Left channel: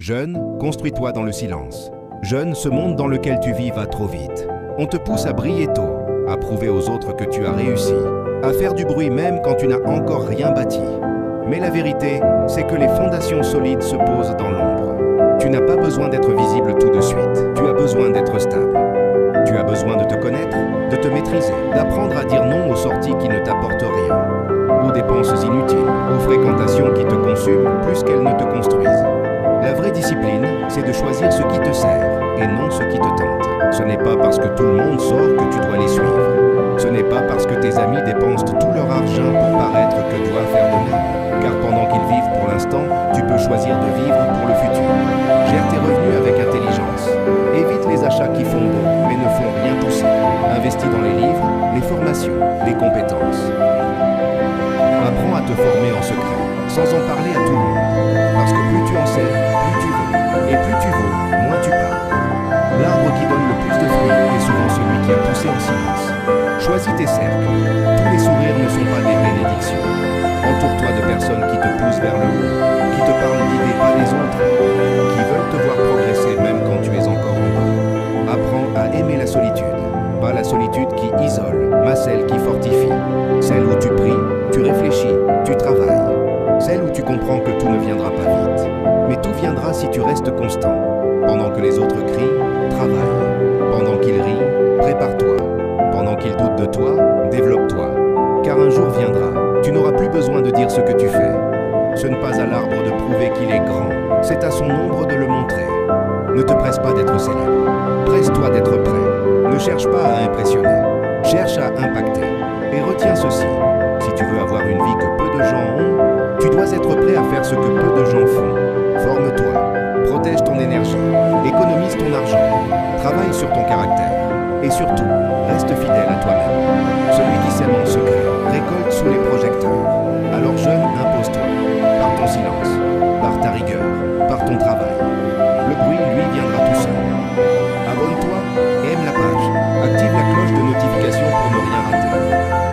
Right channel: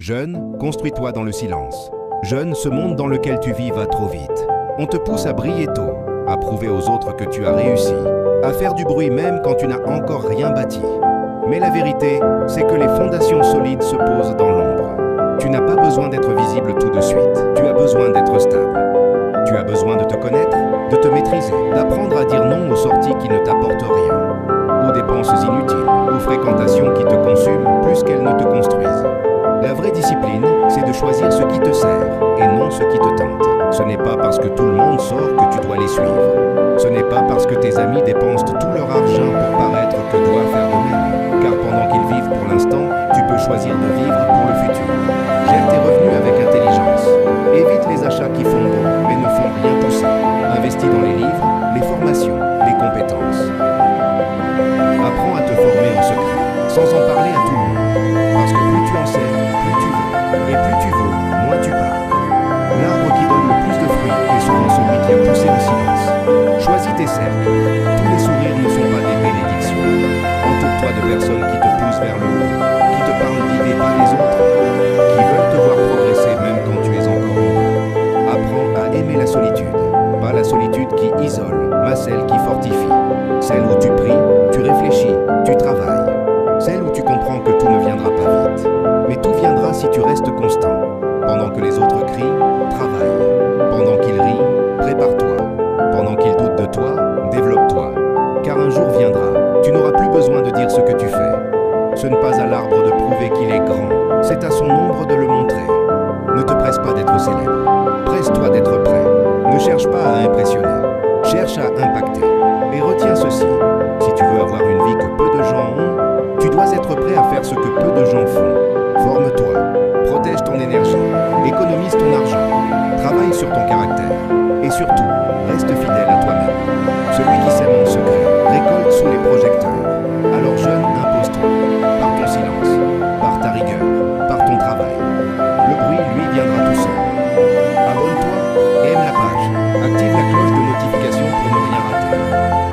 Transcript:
Jeune, construis-toi dans le silence. Jeune, ce monde dans lequel tu vis va trop vite. On te pousse à briller tôt, à prouver aux autres que tu as réussi, à faire du bruit même quand tu n'as encore rien bâti. Mais la vérité, c'est que les fondations solides se posent dans l'ombre. Tu n'as pas besoin d'être visible tout de suite, tu as besoin d'être stable. Tu as besoin de te connaître, de te maîtriser, d'apprendre à dire non aux sorties qui ne t'apportent rien, aux dépenses inutiles, aux fréquentations qui te consument plus qu'elles ne te construisent. La vraie discipline, c'est de choisir ce qui te sert et non ce qui te tente. Ce n'est pas parce que tout le monde sort que tu dois les suivre. Ce n'est pas parce que tes amis dépensent tout leur argent pour paraître que tu dois faire de même. Car pendant qu'ils vivent pour l'instant, tu peux choisir de vivre pour le futur. Gère tes revenus avec intelligence. Évite les achats qui font beau, mais ne font rien pousser. Investis dans les livres, les formations, les compétences. Apprends à te former en secret, sans en parler à tout le monde. Parce que plus tu en sais, plus tu vaux. Et plus tu vaux, moins tu parles. L'arbre qui donne le plus de fruits est souvent celui qui a poussé en silence. Choisis tes cercles. Tous les sourires ne sont pas des bénédictions. Entoure-toi de personnes qui te poussent vers le haut, qui te parlent d'idées pas des autres, qui veulent te voir progresser même quand tu es encore en bas. Apprends à aimer la solitude. Pas la solitude qui isole, mais celle qui fortifie. Celle où tu pries, tu réfléchis, tu travailles. Celle où tu comprends que tout ne viendra pas vite. Mais tout viendra si tu restes constant. Pendant que les autres crient, travaille. Pendant qu'ils rient, prépare-toi. Pendant qu'ils doutent de toi, développe-toi. Car un jour viendra, tu n'auras plus besoin de dire ce que tu fais. Ce n'est pas à l'arbre de prouver qu'il est grand, c'est à son ombre de le montrer. Ne te presse pas d'être célèbre. Presse-toi d'être prêt. Ne cherche pas à impressionner. Cherche à impacter. Et retiens ceci. Si tu veux avoir une vie que peu de gens ont, tu dois être prêt à faire ce que peu de gens font. Forme-toi, protège ton énergie, économise ton argent, travaille sur ton caractère et surtout, reste fidèle à toi-même. Celui qui sème en secret récolte sous les projecteurs. Alors jeune,